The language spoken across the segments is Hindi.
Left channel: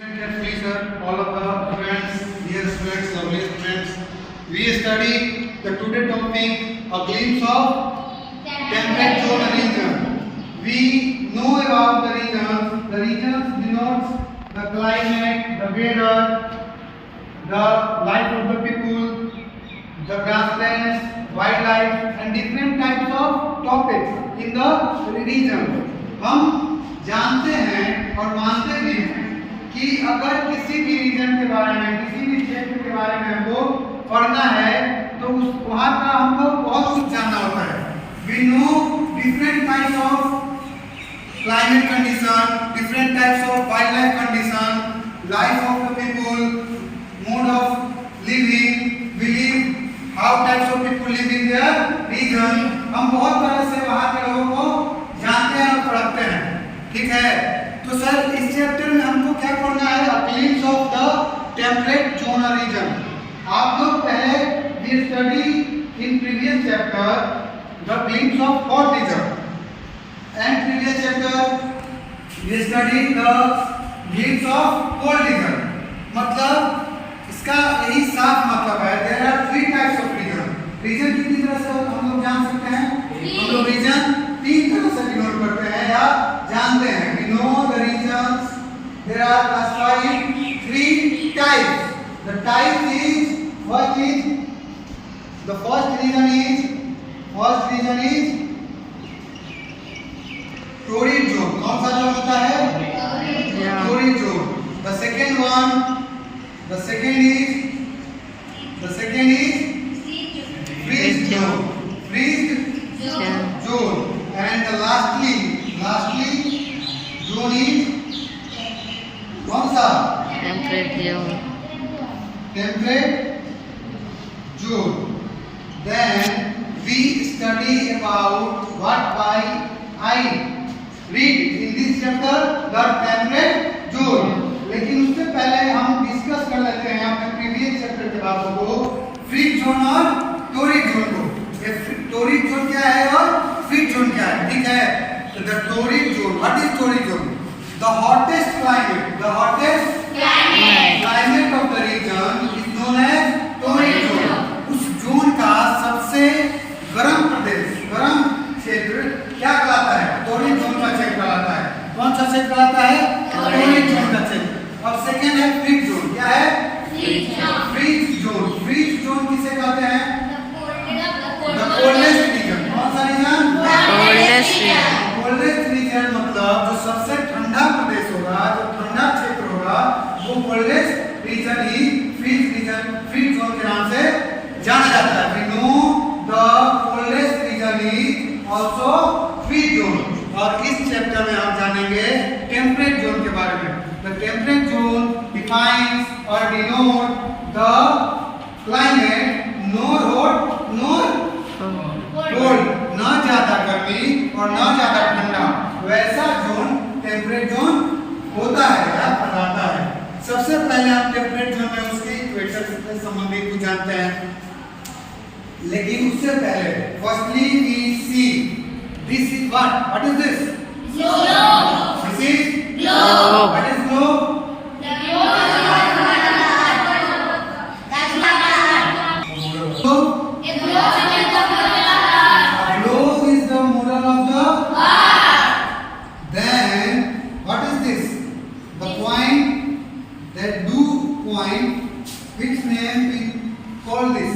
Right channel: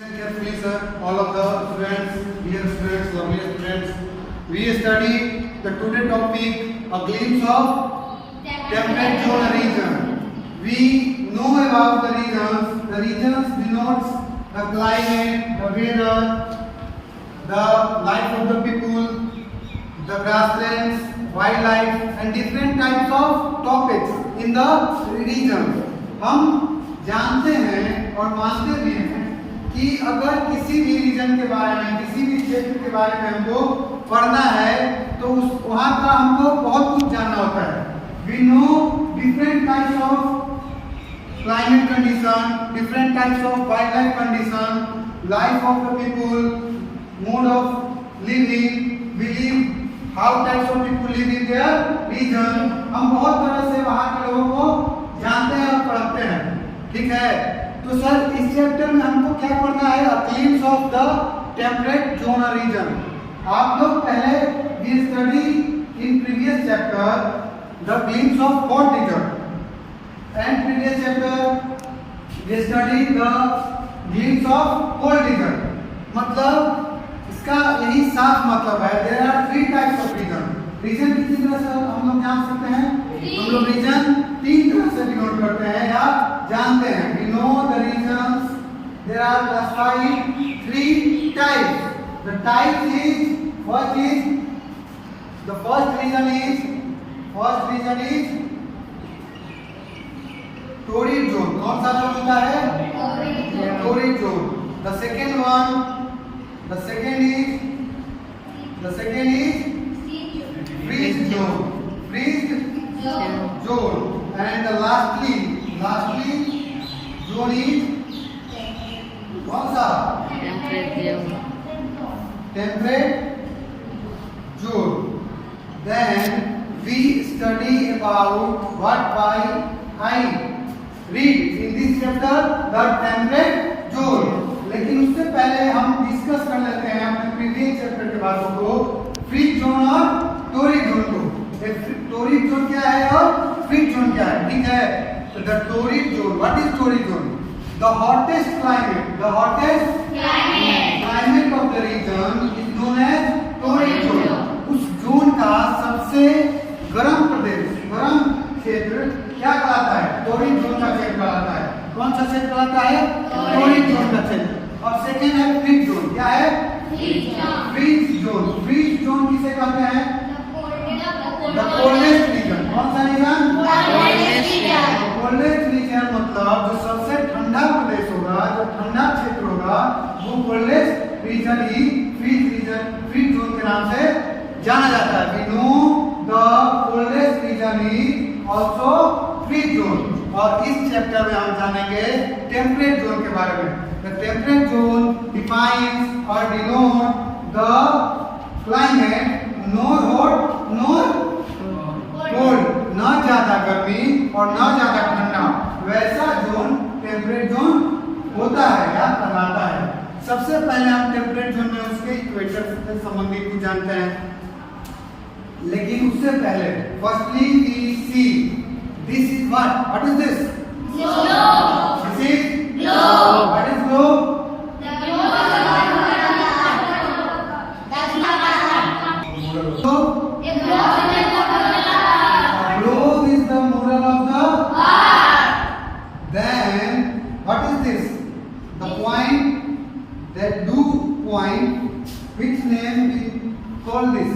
Carefully, sir, all of the friends, dear students, lovely students, we study the today topic, a glimpse of temperate zone region. We know about the regions. The regions denotes the climate, the weather, the life of the people, the grasslands, wildlife, and different types of topics in the region. हम जानते हैं और मानते भी हैं कि अगर किसी भी रीजन के बारे में, किसी भी क्षेत्र के बारे में हमको पढ़ना है तो उस वहाँ का हमको बहुत कुछ जानना होता है. We know different types of climate condition, different types of wildlife condition, life of the people, mode of living, believe, how types of people live in their region. हम बहुत तरह से वहाँ के लोगों को जानते हैं और पढ़ते हैं. ठीक है, तो सर इस चैप्टर में हमको क्या पढ़ना है? A glimpse of the temperate zone region. आप लोग पहले we study in previous chapter the glimpse of hot region and previous chapter we study the glimpse of cold region. मतलब इसका यही साफ मतलब है. There are three types of region. Region कितनी तरह से हम लोग जान सकते हैं? हम लोग रीजन तीन तरह से डिनोट करते हैं या जानते हैं. We know the regions. There are classified three types. The type is what is the first region is torrid zone. कौन सा जोन होता है? torrid zone. The second is freeze zone. And the lastly zone is कौन सा? temperate zone. Then we study about what I read in this chapter the temperate zone. लेकिन उससे पहले हम डिस्कस कर लेते हैं अपने प्रीवियस चैप्टर के बातों को, फ्रीज जोन और टोरिड जोन को. टोरिड जोन क्या है और फ्रीज जोन क्या है? ठीक है, तो the torrid zone, what is torrid zone? The hottest climate of the region is known as torrid zone. उस जोन का सबसे गर्म प्रदेश, गर्म क्षेत्र क्या कहलाता है? टोरिड जोन का क्षेत्र कहलाता है. कौन सा क्षेत्र कहलाता है? टोरिड जोन का क्षेत्र. और सेकंड है फ्रीज जोन. क्या है? Freeze zone. फ्रीज जोन किसे कहते हैं? The coldest region. कौन सा रीजन? कोल्डेस्ट रीजन मतलब जो सबसे ठंडा प्रदेश होगा, जो ठंडा क्षेत्र होगा, वो कोल्डेस्ट रीजन ही फ्रीज जोन के नाम से जाना जाता है. We know the coldest region is also freeze zone. और इस चैप्टर में हम जानेंगे टेम्परेट जोन के बारे में. द टेम्परेट जोन डिफाइंस और denote the climate nor hot nor cold, न ज्यादा गर्मी और न ज्यादा ठंडा, वैसा जोन टेम्परेट जोन होता है या कहलाता है. सबसे पहले हम टेम्परेट जोन में उसके इक्वेटर से संबंधित कुछ जानते हैं. लेकिन उससे पहले firstly we see this is what is this? This is globe. What is globe? Globe is the model of the earth. Then what is this? The point, that two point, which name we call this?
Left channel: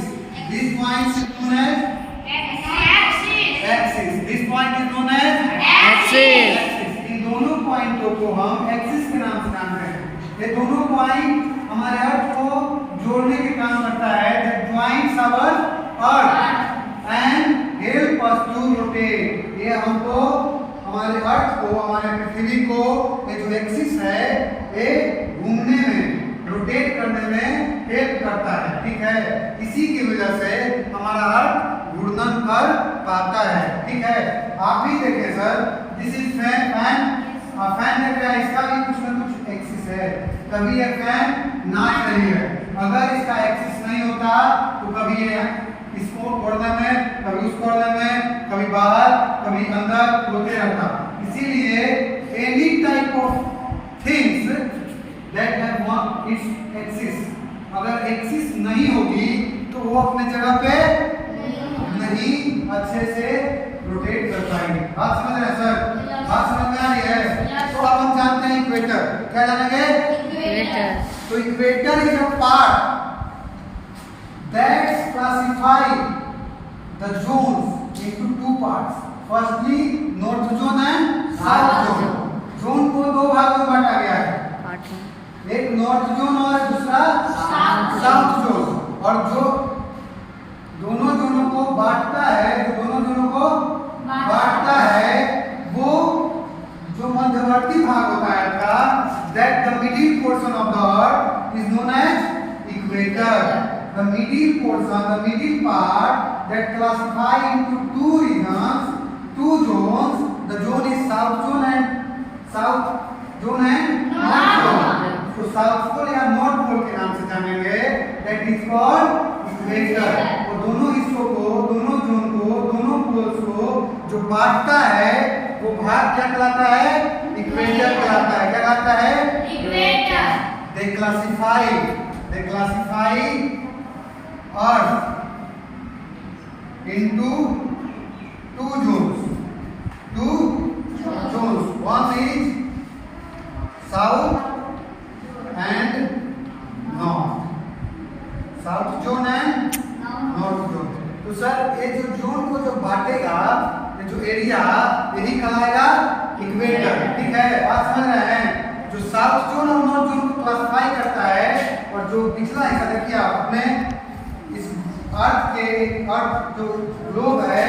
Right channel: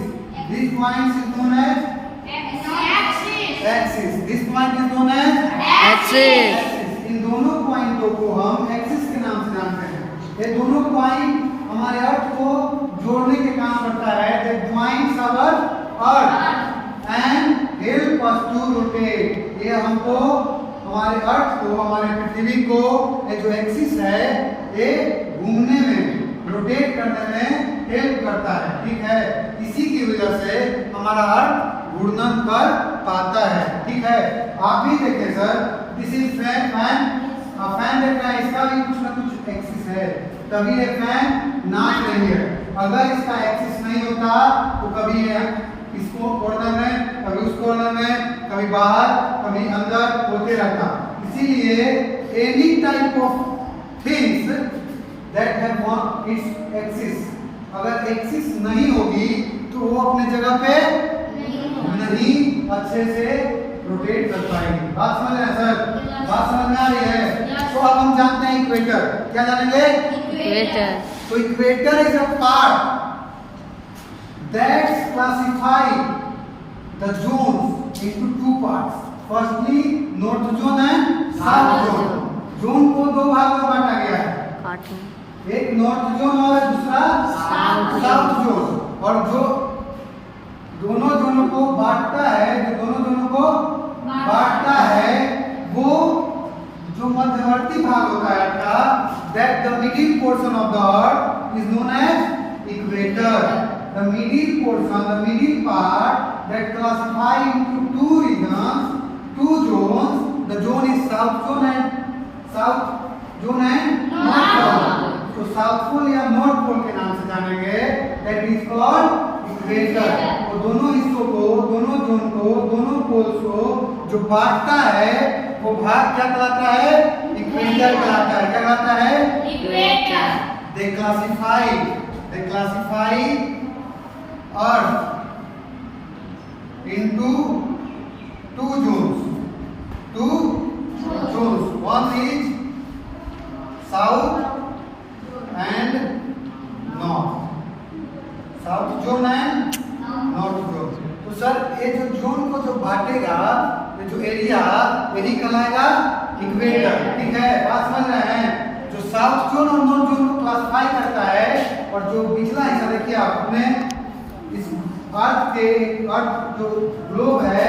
This point is known as axis. This point is known as axis. इन दोनों पॉइंटों को हम एक्सिस के नाम से जानते हैं. ये दोनों पॉइंट हमारे अर्थ को जोड़ने के काम करता है. That joins our earth and help us to rotate. ये हमको हमारे अर्थ को, हमारे पृथ्वी को, ये जो एक्सिस है ये घूमने में, रोटेट करने में हेल्प करता है. ठीक है, इसी की वजह से हमारा अर्थ घूर्णन कर पाता है. ठीक है, आप भी देखें सर, दिस इज फैन देख रहे हैं, इसका भी कुछ ना कुछ एक्सिस है. कभी ये फैन नाच रही है, अगर इसका एक्सिस नहीं होता तो कभी ये इसको कॉर्नर में, कभी उस कॉर्नर में, कभी बाहर, कभी अंदर होते रहता. इसीलिए any type of things that have one its axis. अगर एक्सिस नहीं होगी तो वो अपने जगह पे नहीं अच्छे से रोटेट कर पाएगी। बात समझ रहे हैं सर? बात समझ में आ रही है? तो अब हम जानते हैं इक्वेटर। क्या जानेंगे? इक्वेटर। तो equator is a part that classify the zones into two parts. Firstly, north zone and south zone. Zone को दो भागों में बांटा गया है, कार्टून एक नॉर्थ जोन और दूसरा साउथ जोन। और जो दोनों जोनों को बांटता है, वो जो मध्यवर्ती भाग होता है का, that the middle portion of the earth is known as equator. The middle portion, the middle part that classify into two regions, two zones. The zone is south zone and north zone. तो साउथ पोल या नॉर्थ पोल के नाम से जानेंगे, that is called equator. तो दोनों हिस्सों को, दोनों जोन को, दोनों पोल्स को जो बांटता है वो भाग क्या कहलाता है? इक्वेटर कहलाता है। क्या कहलाता है? Equator. They classify Earth into two zones. One is south and north. South zone and north zone. तो सर ये जो जोन को जो बांटेगा, ये जो एरिया, यही कहलाएगा इक्वेटर। ठीक है, बात समझ रहे हैं? जो साउथ जोन और नॉर्थ जोन को क्लासिफाई करता है, और जो पिछला हिस्सा देखिए आप अपने इस अर्थ जो ग्लोब है,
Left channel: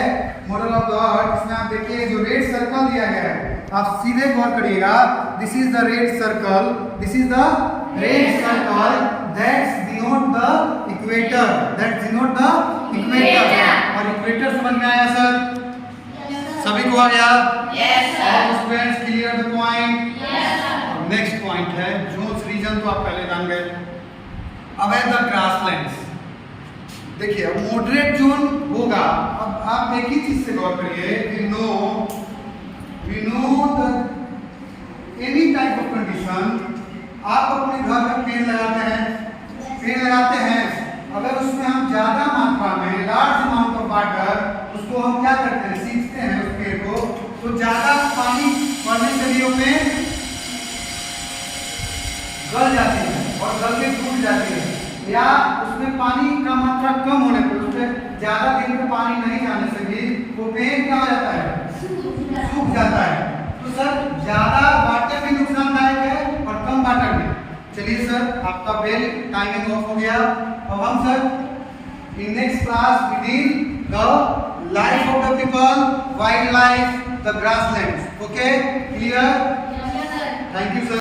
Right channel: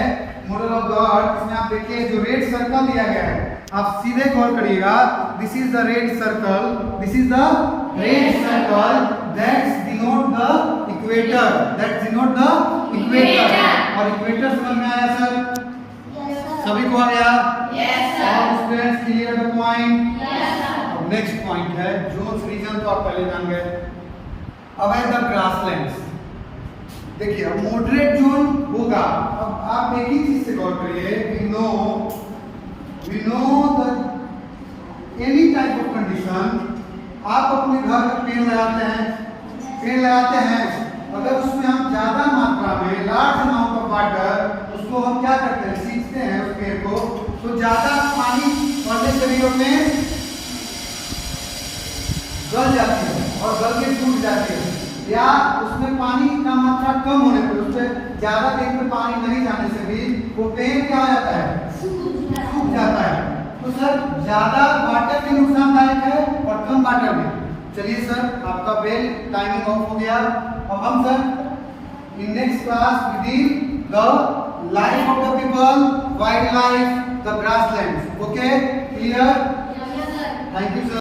मॉडल ऑफ द अर्थ, इसमें आप देखिए जो रेड सर्कल दिया गया है, आप सीधे गौर करिएगा। This is the red circle, that's denote the equator, और इक्वेटर समझ में आया सर? सभी को आ गया? All students clear the point? Next point है जोन्स रीजन, तो आप पहले जान गए। अब है द ग्रासलैंड्स। देखिए अब मॉडरेट जोन होगा। अब आप एक ही चीज से गौर करिए, we know the any type of condition. आप अपने घर में पेड़ लगाते हैं, अगर उसमें हम ज्यादा मात्रा में लार्ज अमाउंट ऑफ वाटर उसको हम क्या करते हैं, सींचते हैं उस पेड़ को, तो ज्यादा पानी पड़ने से भी उसमें गल जाती है और गल के टूट जाती है, या उसमें पानी का मात्रा कम होने पर, उसमें ज्यादा दिन में पानी नहीं जाने से भी वो पेड़ क्या हो जाता है, सूख जाता है। तो सर ज्यादा वाटर भी नुकसानदायक है और कम वाटर भी। चलिए सर आपका बेल टाइमिंग ऑफ हो गया। अब हम sir in next class we deal the life of the people, wild life, the grasslands. Okay, clear? Thank you sir.